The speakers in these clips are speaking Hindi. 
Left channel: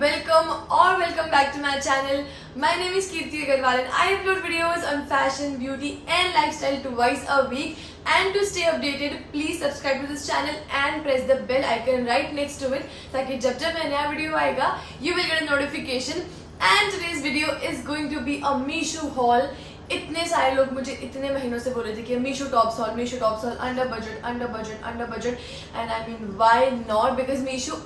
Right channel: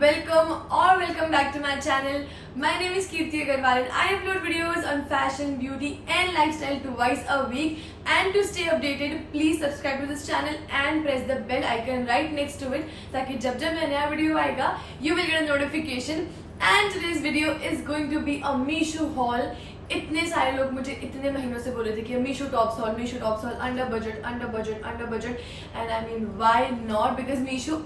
welcome back to my channel. My name is Kirti Agarwal and I upload videos on fashion, beauty and lifestyle twice a week. And to stay updated, please subscribe to this channel and press the bell icon right next to it ताकि जब जब मैं नया वीडियो आएगा you will get a notification. And today's video is going to be a Meesho haul. इतने सारे लोग मुझे इतने महीनों से बोल रहे थे कि Meesho tops hall under budget and I mean why not, because Meesho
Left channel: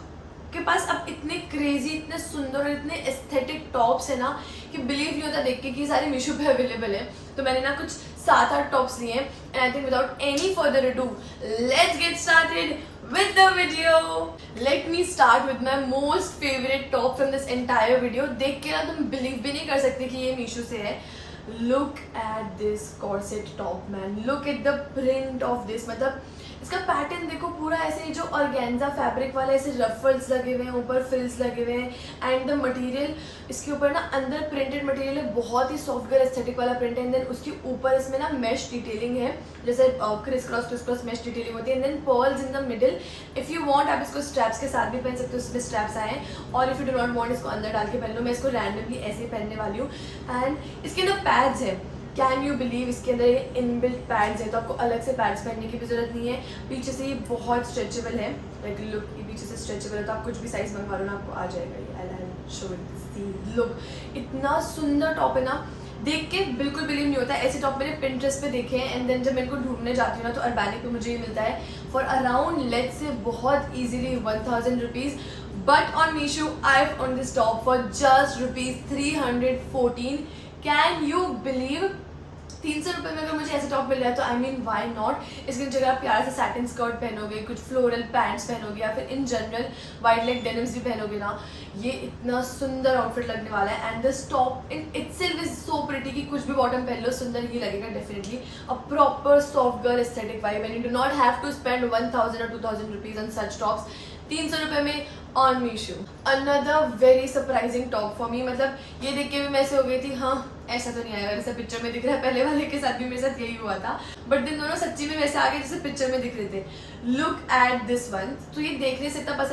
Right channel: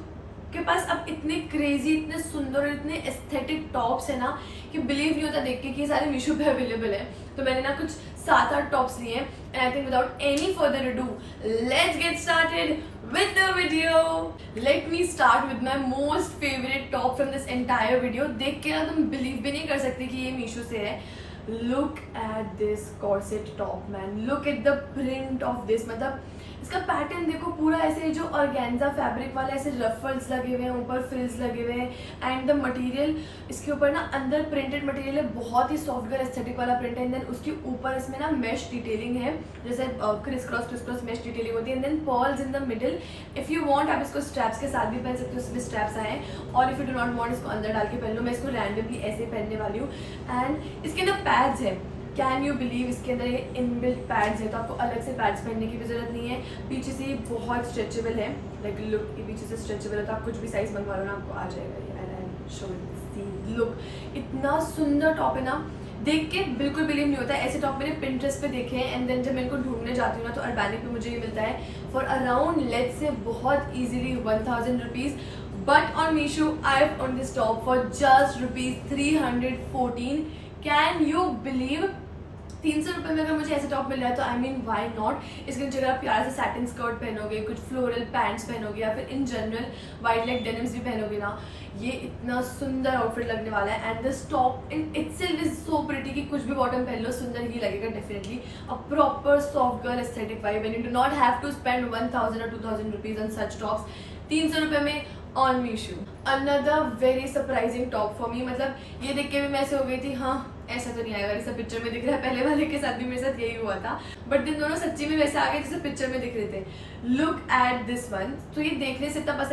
के पास अब इतने क्रेजी, इतने सुंदर और इतने एस्थेटिक टॉप्स है ना कि बिलीव नहीं होता देख के कि सारे मीशो पे अवेलेबल है. तो मैंने ना कुछ 7-8 टॉप्स लिए and I think without any further ado let's get started with the video. Let me start with my most favorite top from this entire video. देख के ना तुम बिलीव भी नहीं कर सकते कि ये मीशो से है. Look at this corset top man. Look at the print of this. मतलब इसका पैटर्न देखो पूरा ऐसे जो ऑर्गेन्जा फैब्रिक वाला ऐसे रफल्स लगे हुए हैं, ऊपर फ्रिल्स लगे हुए हैं एंड द मटेरियल इसके ऊपर ना अंदर प्रिंटेड मटेरियल है, बहुत ही सॉफ्ट गर्ल एस्थेटिक वाला प्रिंट है. एंड देन उसके ऊपर इसमें ना मैश डिटेलिंग है, जैसे क्रिस क्रॉस मैश डिटेलिंग होती है. And then pearls in the middle. If you want आप इसको स्ट्रैप्स के साथ भी पहन सकते हो, इसमें स्ट्रैप्स आए हैं. और if you do not want इसको अंदर डाल के पहन लो. मैं इसको रैंडमली ऐसे ही पहनने वाली हूँ. एंड इसके अंदर पैड्स है. कैन यू बिलीव इसके अंदर ये इनबिल्ट पैड्स हैं, तो आपको अलग से पैड्स पहनने की भी जरूरत नहीं है. पीछे से ये बहुत स्ट्रेचेबल है, लाइक लुक ये पीछे से स्ट्रेचेबल है, तो आप कुछ भी साइज मंगवा लो ना आपको आ जाएगा ये. And I show this look, इतना सुंदर टॉप है ना, देख के बिल्कुल बिलीव नहीं होता. ऐसे टॉप मैंने पिंटरेस्ट पे देखे हैं एंड देन जब मैं इनको ढूंढने जाती हूँ ना तो अर्बैनिक पे मुझे ये मिलता है फॉर अराउंड लेट्स से बहुत easily 1000 rupees. But on Meesho I have on this top for just ₹314. Can you believe 300 रुपये में अगर मुझे ऐसे टॉप मिल रहा है तो आई मीन व्हाई नॉट. इसके जगह आप प्यारा सा सैटिन स्कर्ट पहनोगे, कुछ फ्लोरल पैंट्स पहनोगे या फिर in general wide leg denims भी पहनोगे ना, ये इतना सुंदर आउटफिट लगने वाला है. And this top in itself is so pretty कि कुछ भी बॉटम पहन लो सुंदर ही लगेगा definitely. A proper soft girl aesthetic vibe and you do not have to spend 1000 or 2000 rupees on such tops. 300 रुपये में on Meesho. Another very surprising top for me. मतलब ये देख के भी मैं ऐसे हो गई थी, हाँ ऐसा तो नहीं आएगा जैसा पिक्चर में दिख रहा है. पहले वाले के साथ भी मेरे साथ यही हुआ था, बट दिन दोनों सच्ची में वैसे आ गए जैसे पिक्चर में दिख रहे थे. Look at this one. तो ये देखने से इतना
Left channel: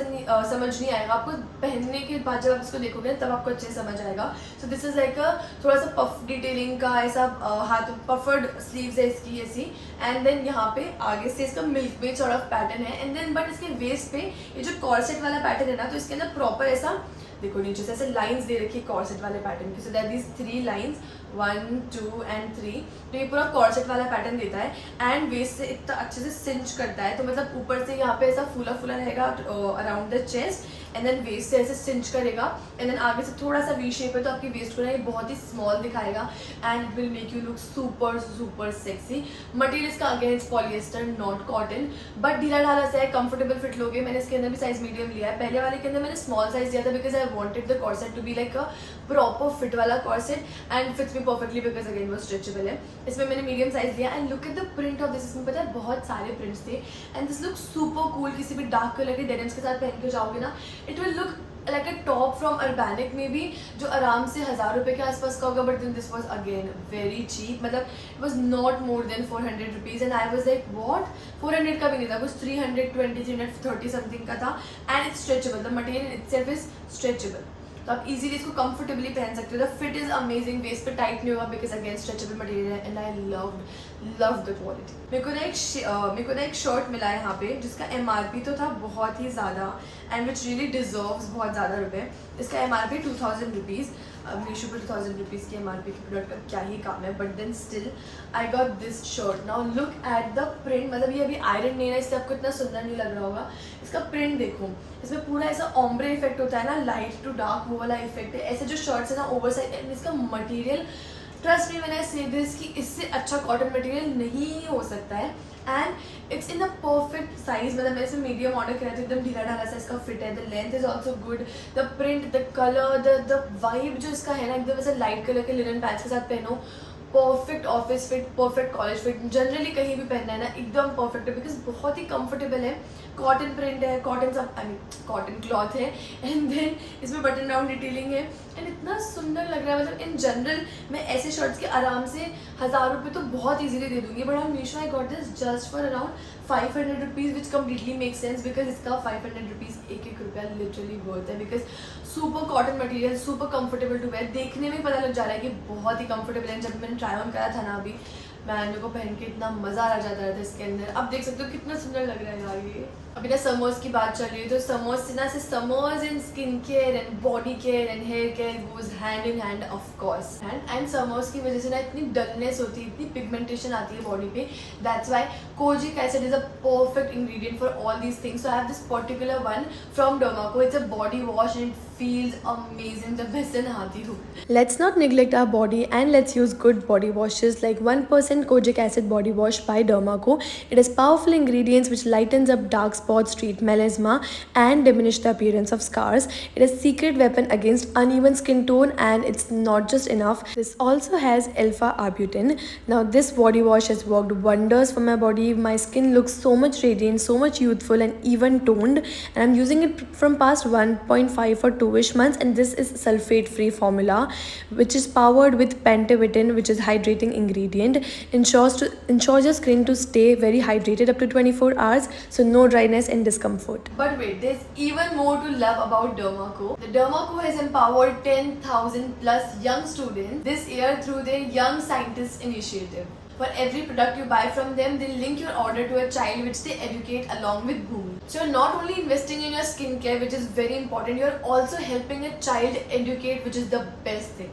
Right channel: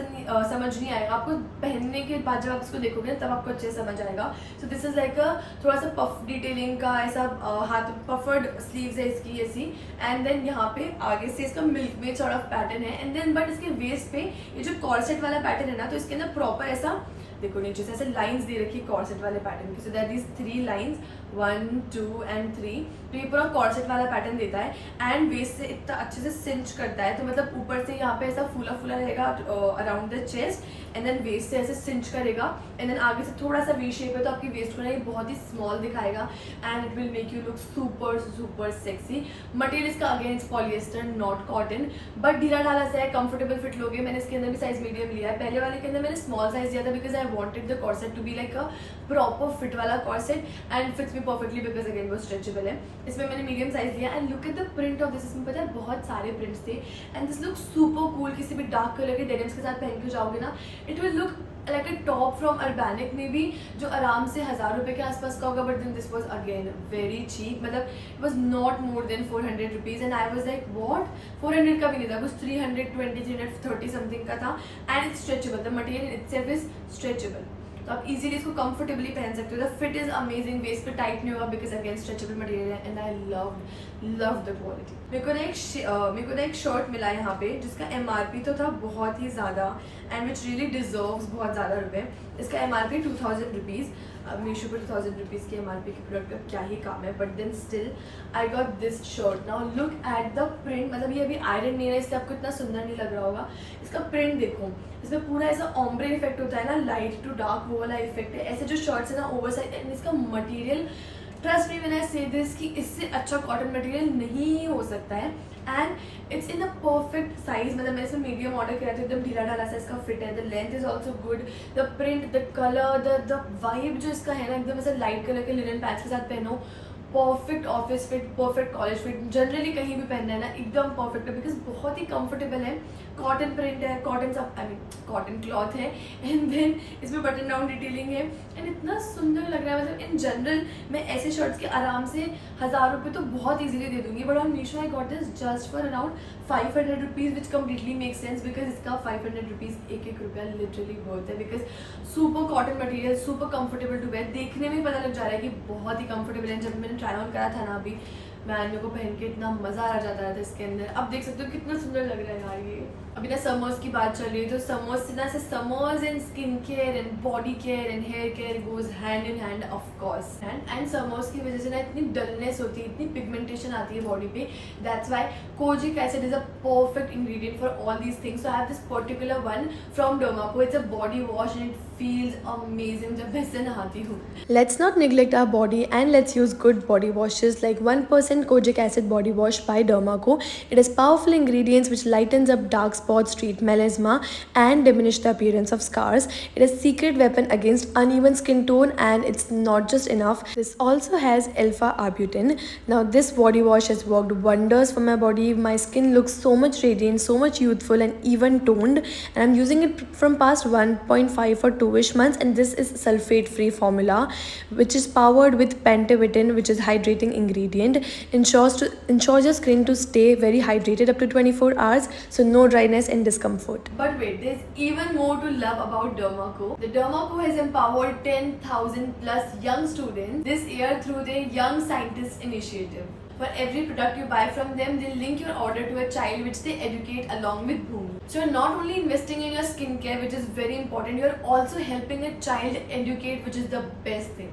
समझ नहीं आएगा, आपको पहनने के बाद जब आप इसको देखोगे तब आपको अच्छे समझ आएगा. सो दिस इज लाइक थोड़ा सा पफ डिटेलिंग का ऐसा हाथ पफर्ड स्लीव्स है इसकी ऐसी. एंड देन यहाँ पे आगे से इसका मिल्क में सॉर्ट ऑफ पैटर्न है. एंड देन बट इसके वेस्ट पे ये जो कॉर्सेट वाला पैटर्न है ना, तो इसके अंदर प्रॉपर ऐसा देखो नीचे से ऐसे लाइंस दे रखी है कॉर्सेट वाले पैटर्न की. So that these 3 lines 1, 2 and 3. तो ये पूरा कॉर्सेट वाला पैटर्न देता है एंड वेस्ट से इतना अच्छे से सिंच करता है. तो मतलब ऊपर से यहाँ पे ऐसा फूला फूला रहेगा around the chest and then waist से ऐसे सिंच करेगा. एंड देन आगे से थोड़ा सा वी शेप है तो आपकी वेस्ट को ना ये बहुत ही स्मॉल दिखाएगा and it will make you look super sexy. Material इसका against polyester not cotton, but ढीला ढाला सा है, कंफर्टेबल फिट लोगे. मैंने इसके अंदर भी साइज मीडियम लिया है. पहले वाले के अंदर मैंने स्मॉल साइज लिया था because I wanted the corset to be like a proper fit वाला corset and fits me perfectly because again वो स्ट्रेचेबल है. इसमें मैंने मीडियम साइज लिया. And look at the print of this. इसमें पता है बहुत सारे प्रिंट्स थे and this look super cool. किसी भी डार्क कलर के डेनिम्स के साथ पहन के जाओगे ना, it will look like a top from Urbanic में भी जो आराम से 1000 रुपये के आसपास का होगा. But then this was again very cheap. मतलब it was not more than 400 rupees and I was like what. 400 का भी नहीं था, कुछ 320 330 समथिंग का था. And it's stretchable. The material itself is stretchable, तो आप इजीली इसको कंफर्टेबली पहन सकते हो. The fit is amazing. Waist पे टाइट नहीं होगा बिकॉज अगेन स्ट्रेचेबल मटेरियल है and I love the quality. मेरे को ना एक शर्ट मिला है यहाँ पे जिसका MRP तो था बहुत ही ज़्यादा एंड विच रियली डिजर्व्स बहुत ज़्यादा रुपये. इसका MRP 2000 रुपीज़. अब मीशो पर 2000 रुपीज़ की MRP के प्रोडक्ट का क्या ही काम है, but then still I got this shirt. Now look at the print. मतलब ये अभी आयरन नहीं है इससे आपको इतना सुंदर नहीं लग रहा होगा. इसका प्रिंट देखो, इसमें पूरा ऐसा ऑम्ब्रे इफेक्ट होता है ना, लाइट टू डार्क वो वाला इफेक्ट है. ऐसे जो शर्ट्स है ना ओवर साइज. एंड इसका material trust me when I say this कि इससे अच्छा कॉटन मटेरियल नहीं हो सकता है. And it's in a perfect size. मतलब मैंने इसमें मीडियम ऑर्डर किया था, एकदम ढीला ढाला सा इसका फिट है. The length is also good. The print, the colour, the vibe जो इसका है ना, एकदम ऐसा लाइट कलर के लिनन पैंट्स के साथ पहनो. Perfect office fit, perfect college fit. Generally कहीं भी पहनना है ना एकदम परफेक्ट है बिकॉज बहुत ही कंफर्टेबल है. कॉटन प्रिंट है, कॉटन सब आई मीन कॉटन क्लॉथ है, एंड देन इसमें बटन डाउन डिटेलिंग है, एंड इतना सुंदर लग रहा है. मतलब इन जनरल मैं ऐसे शर्ट्स के आराम से 1000 रुपये तो बहुत ईजिली दे दूंगी, but on Meesho I got this just for around 500 rupees, which completely make sense because इसका 500 रुपीज़ एक रुपया लिटरली वर्थ है. Because super cotton material, super comfortable to wear, देखने में ही पता लग जा रहा है कि बहुत ही कंफर्टेबल है. जब मैंने ट्राई ऑन करा था ना अभी, मेरे को पहन के इतना मजा आ जाता था इसके अंदर. अब देख सकते हो कितना सुंदर लग रहा है यार ये. अभी ना समर्स की बात चल रही है, तो समर्स से ना summers in skin care and body care and hair care goes hand in hand of course. And summers की वजह से ना इतनी डलनेस होती है, इतनी पिगमेंटेशन आती है बॉडी पे. That's why kojic acid is a perfect ingredient for all these things. So I have this particular one from Dermaco. It's a body wash and it feels amazing जब मैं इससे नहाती हूँ. Let's not neglect our body and let's use good body washes like 1% kojic acid body wash by Dermaco. It has powerful ingredients which lightens up dark spots, treat melasma and diminish the appearance of scars. It is secret weapon against uneven skin tone, and it's not just enough. This also has alpha arbutin. Now this body wash has worked wonders for my body. My skin looks so much radiant, so much youthful and even toned, and I'm using it from past 1.5 or 2ish months, and this is sulfate free formula which is powered with pentavitin, which is hydrating ingredient, ensures your skin to stay very hydrated up to 24 hours, so no dryness and discomfort. But wait, there's even more to love about Dermaco. The Dermaco has empowered 10,000 plus young students this year through their Young Scientists initiative. For every product you buy from them, they'll link your order to a child which they educate along with Bhumi. So you're not only investing in your skincare, which is very important, you're also helping a child educate, which is the best thing.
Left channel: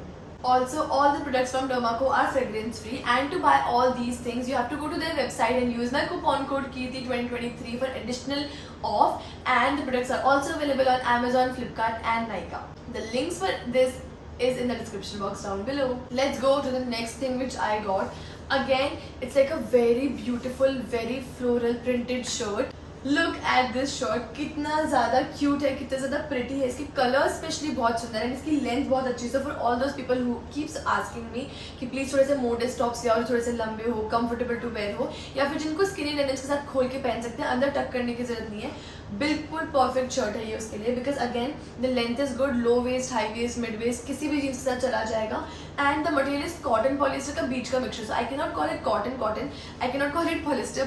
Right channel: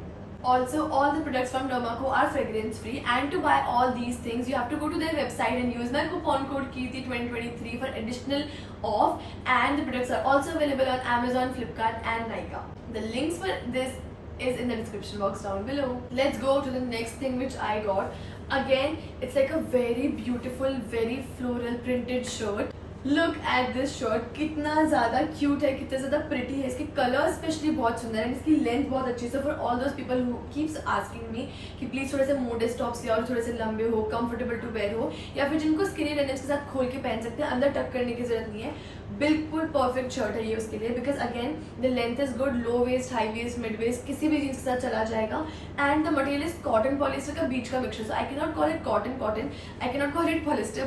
Also, all the products from Dermaco are fragrance free, and to buy all these things you have to go to their website and use my coupon code KIRTI2023 for additional off, and the products are also available on Amazon, Flipkart and Nykaa. The links for this is in the description box down below. Let's go to the next thing which I got. Again, it's like a very beautiful, very floral printed shirt. Look at this shirt, कितना ज़्यादा cute है, कितना ज़्यादा pretty है. इसके कलर स्पेशली बहुत सुंदर है, इसकी लेंथ बहुत अच्छी है. So for all those people who keeps asking me कि प्लीज़ थोड़े से मोडेस्ट टॉप्स या और थोड़े से लंबे हो, कंफर्टेबल टू वेयर हो, या फिर जिनको स्किनी डेनिम्स के साथ खोल के पहन सकते हैं, अंदर टक करने की जरूरत नहीं है, बिल्कुल परफेक्ट शर्ट है ये उसके लिए. Because again the length is good, low waist, high waist, mid waist, किसी भी जीन्स के साथ चला जाएगा. And the material is cotton polyester का बीच का mixture. So I can not call it cotton, I can not call it polyester,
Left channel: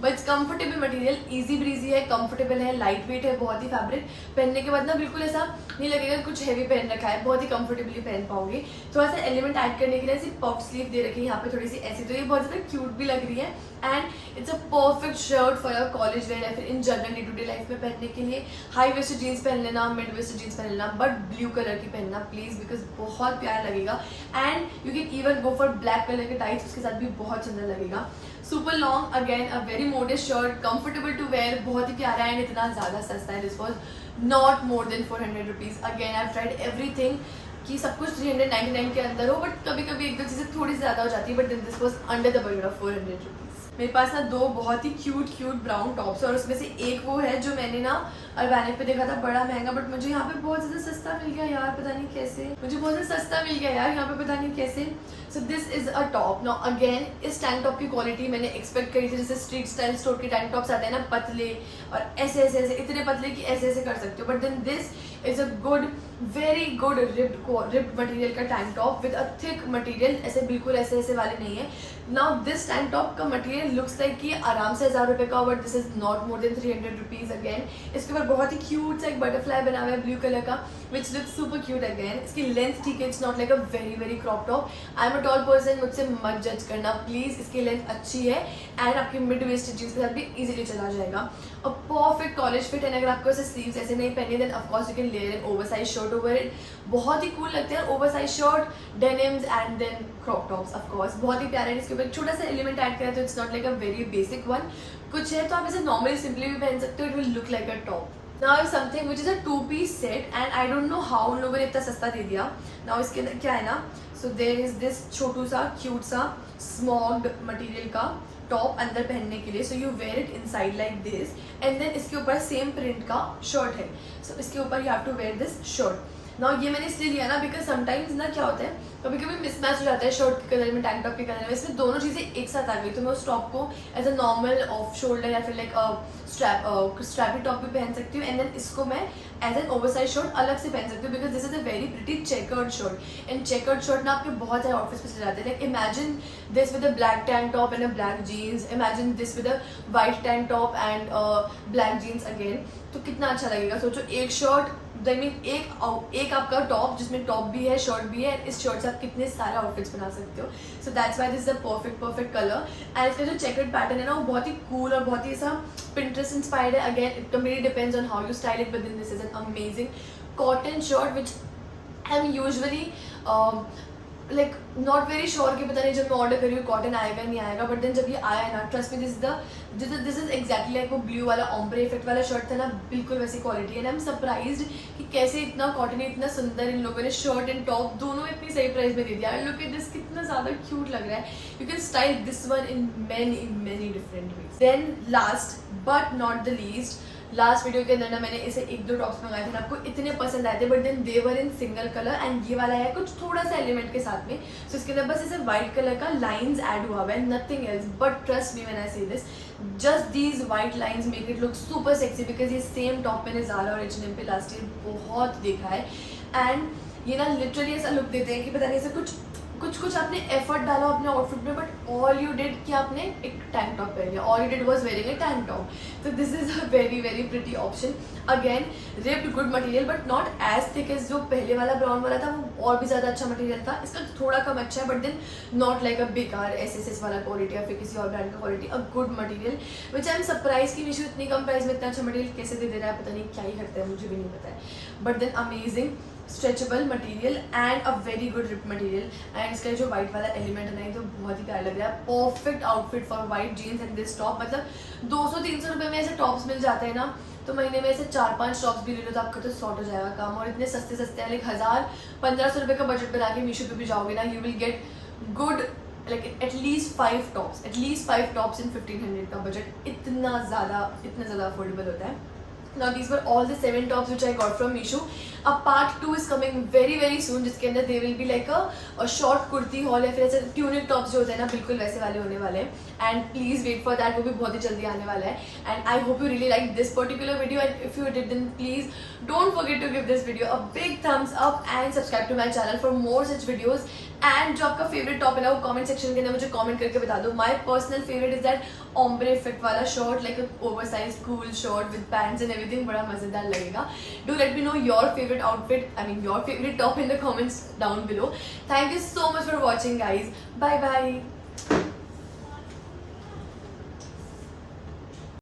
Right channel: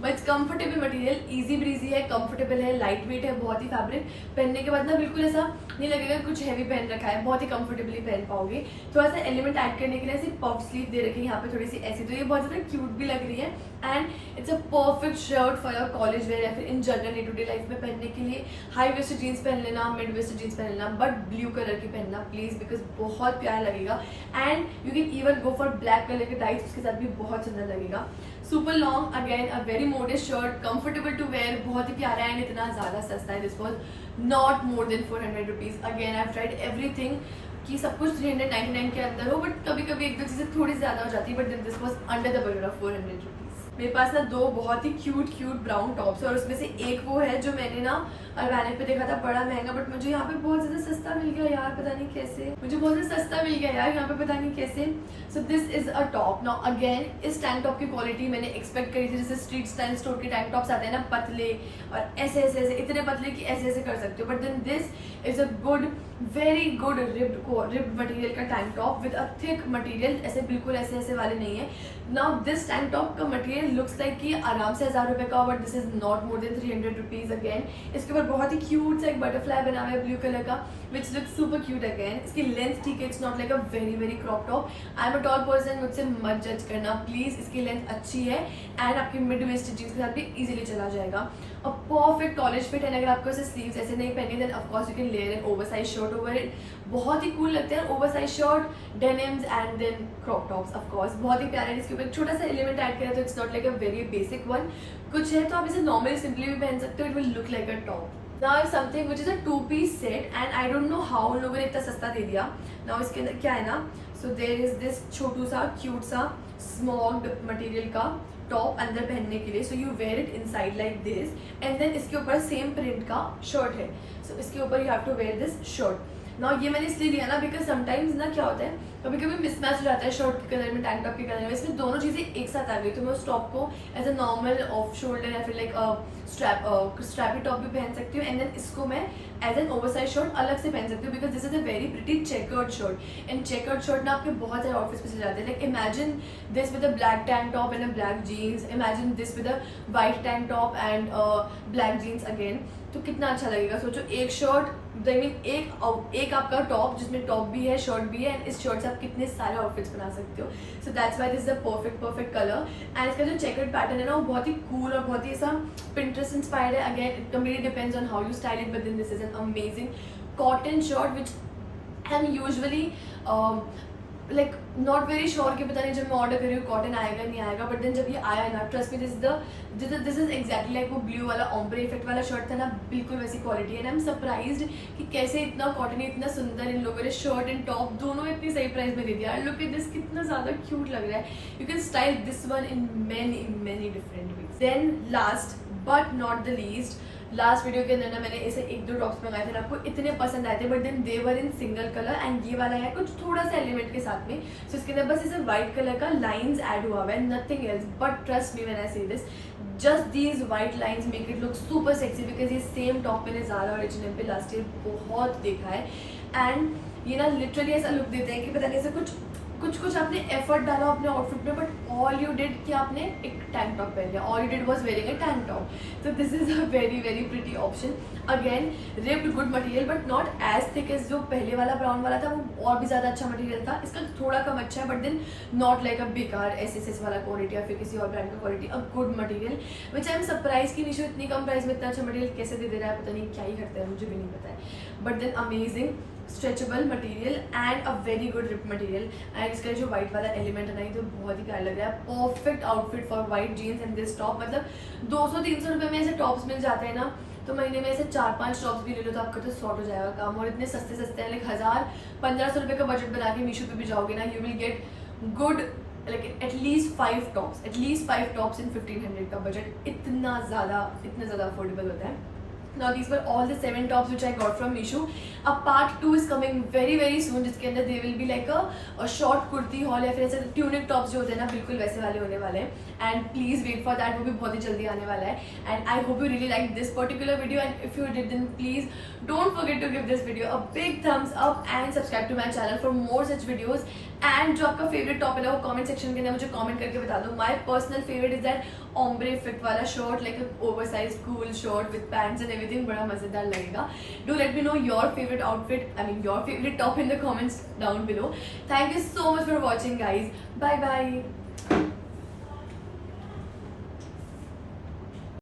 but it's comfortable material, easy breezy है, कंफर्टेबल है, लाइट वेट है, बहुत ही फैब्रिक. पहनने के बाद ना बिल्कुल ऐसा नहीं लगेगा कुछ हैवी पहन रखा है, बहुत ही कंफर्टेबली पहन पाओगे. थोड़ा सा एलिमेंट ऐड करने के लिए ऐसी पफ स्लीव दे रखी है यहाँ पे थोड़ी सी ऐसी, तो ये बहुत ज़्यादा क्यूट भी लग रही है. And it's a perfect shirt for your college wear या फिर in general day to day life में पहनने के लिए. हाई वेस्टेड जीन्स पहन लेना, मिड वेस्टेड जीन्स पहन लेना, बट ब्लू कलर की पहनना प्लीज, बिकॉज बहुत प्यारा लगेगा. And you can even go for black colour के टाइप्स, उसके साथ भी बहुत सुंदर लगेगा. Super long, again a very modest shirt, comfortable to wear, बहुत ही प्यारा है, एंड इतना ज़्यादा सस्ता है. This was not more than 400 rupees. Again I have tried everything कि सब कुछ 399 के अंदर हो, बट कभी कभी एक दो चीज़ें थोड़ी ज़्यादा हो जाती है, but then this was under the budget of 400 rupees. मेरे पास ना दो बहुत ही क्यूट ब्राउन टॉप्स, और उसमें से एक वो है जो मैंने ना ऑर्गेनिक पे देखा था बड़ा महंगा, बट मुझे यहाँ पे बहुत ज़्यादा सस्ता मिल गया यार, पता नहीं कैसे. मुझे बहुत ज़्यादा सस्ता मिल गया यार यहाँ पे, पता नहीं कैसे. So this is a top. Now again इस टैंक टॉप की क्वालिटी मैंने एक्सपेक्ट करी थी, जैसे स्ट्रीट स्टाइल स्टोर के टैंक टॉप्स आते हैं ना, पतले और ऐसे इतने पतले कि ऐसे कर सकते हो. But then this is a good, very good ripped material का tank top with a thick material, ऐसे बिल्कुल ऐसे वाले नहीं है. नाउ दिस टैंक टॉप का मटेरियल लुक्स लाइक कि आराम से 1000 रुपये का, but this is not more than 300 rupees. Again इसके ऊपर बहुत ही क्यूट सा एक बटरफ्लाई बना हुआ है ब्लू कलर का, which looks super cute. Again इसकी लेंथ ठीक है, it's not like a very crop top. I am a tall person, मुझसे मत जज करना प्लीज. इसकी लेंथ अच्छी है एंड आपकी मिड वेस्ट जीन्स के साथ भी इजीली चला जाएगा. और परफेक्ट कॉलेज फिट, एंड अगर आपको ऐसे स्लीव्स ऐसे नहीं पहने, then of course you can layer an oversize shirt over it. बहुत ही कूल लगते हैं oversize shirt, denims and then crop tops. Of course बहुत ही प्यारा है. इसके ऊपर एक छोटा सा एलिमेंट ऐड करें तो it's not like a very basic one. कुछ है तो आप इसे नॉर्मली सिंपली भी पहन सकते हो, it will look like a top. Now I have something which is a 2-piece set, and I don't know how उन लोगों ने इतना सस्ता दे दिया. Now इसके अंदर क्या है ना, so there is this छोटू सा क्यूट सा स्मॉग्ड मटेरियल का टॉप अंदर पहनने के लिए. So you wear it inside like this, and then इसके ऊपर सेम प्रिंट का शर्ट है. सो इसके ऊपर you have to wear this shirt. ना ये मैंने इसलिए लिया ना बिकॉज समटाइम्स ना क्या होता है, कभी कभी मिसमैच हो जाता है शर्ट के कलर में, टैंक टॉप के कलर में, इसमें दोनों चीज़ें एक साथ आ गई तो मैं उस टॉप को as a normal off shoulder या फिर लाइक स्ट्रैपी टॉप भी पहन सकती हूँ, एंड देन इसको मैं एज एन ओवरसाइज शर्ट अलग से पहन सकती हूँ because this is a very pretty checkered shirt, and checkered shirt ना आपके बहुत सारे आउटफिट्स में चले जाते हैं. Like imagine this with a black tank top and a black jeans, imagine this with a white tank top and black jeans again, तो कितना अच्छा लगेगा. सोचो एक शर्ट आई मीन एक आपका टॉप जिसमें टॉप भी है शर्ट भी है, एंड इस शर्ट से आप कितने सारे आउटफिट्स बना सकते हो. So that's why this is the perfect colour. And इसका जो चेकर्ड पैटर्न है ना वो बहुत ही कूल और बहुत ही ऐसा Pinterest इंस्पायर्ड है. Again it completely depends on how you style it, but then this is an amazing cotton shirt which I'm usually like not very sure कि पता नहीं जब मैं ऑर्डर करी हूँ कॉटन आएगा नहीं आएगा, बट देन जब ये आया ना ट्रस्ट में दिस इज एग्जैक्टली लाइक वो ब्लू वाला ऑम्ब्रे इफेक्ट वाला शर्ट था ना, बिल्कुल वैसी क्वालिटी है. एंड आई एम सरप्राइज्ड कि कैसे इतना कॉटन इतना सुंदर इन लोगों ने शर्ट एंड टॉप दोनों इतनी सही प्राइस में दे दिया. आई लुक एट दिस कितना ज़्यादा क्यूट लग रहा है. You can style this one in many different ways. Then last but not the least, last video के अंदर ना मैंने ऐसे एक दो टॉप्स मंगाए थे, आपको इतने पसंद आए थे, but then they were in single colour, एंड ये वाला है कुछ थोड़ा सा एलिमेंट के साथ में. सो इसके अंदर बस ऐसे व्हाइट कलर का लाइंस ऐड हुआ हुआ है, nothing else. But trust me when I say this, just these white lines make it look super sexy because ये सेम टॉप मैंने ज़ारा और H&M पे लास्ट ईयर बहुत देखा है. एंड ये ना लिटरली ऐसा लुक देते हैं कि पता नहीं ऐसा कुछ आपने एफर्ट डाला अपने आउटफिट में, बट ऑल यू डिड कि आपने एक टैंक टॉप पहन लिया, all you did was wearing a tank top. तो this is a very pretty option. Again ripped good material but not as thick as जो पहले वाला ब्राउन वाला था, वो और भी ज़्यादा अच्छा मटेरियल था. इसका थोड़ा कम अच्छा है, but then not like a बेकार SSS वाला क्वालिटी या फिर किसी और ब्रांड का quality. A good material which I am surprise कि मीशो इतनी कम प्राइस में इतना अच्छा मटेरियल कैसे दे रहा है, पता नहीं क्या ही करता है, मुझे भी नहीं पता है. But then amazing stretchable material and a very good rip material. And इसका जो व्हाइट वाला एलिमेंट है ना, ये तो बहुत ही प्यारा लग रहा है. Perfect outfit for white jeans and this top. मतलब 200-300 रुपये में ऐसे टॉप्स मिल जाते हैं ना, तो महीने में ऐसे 4-5 टॉप्स भी ले लो तो आपका तो सॉर्ट हो जाएगा काम. और इतने सस्ते हैं, लाइक 1000-1500 रुपये का बजट बना के मीशो पे भी जाओगे ना, you will get good like at least 5 tops in 1500 का बजट. इतना ज़्यादा अफोर्डेबल होता है. Now these were all the 7 tops which I got from Meesho. A part 2 is coming very soon, जिसके अंदर there will be like a short kurti haul या फिर ऐसे tunic tops जो होते हैं ना, बिल्कुल वैसे वाले होने वाले हैं. And please wait for that, वो भी बहुत ही जल्दी आने वाला है. And I hope you really like this particular video, and if you did then please don't forget to give this video a big thumbs up and subscribe to my channel for more such videos. And जो आपका फेवरेट टॉप है ना वो कमेंट सेक्शन के अंदर मुझे कमेंट करके बता दो. My personal favourite is that ombre effect वाला shirt, like over size cool shirt with pants and everything, बड़ा मजेदार लगेगा. Do let me know your favourite outfit, I mean your favourite top in the comments down below. Thank you so much for watching guys. Bye bye.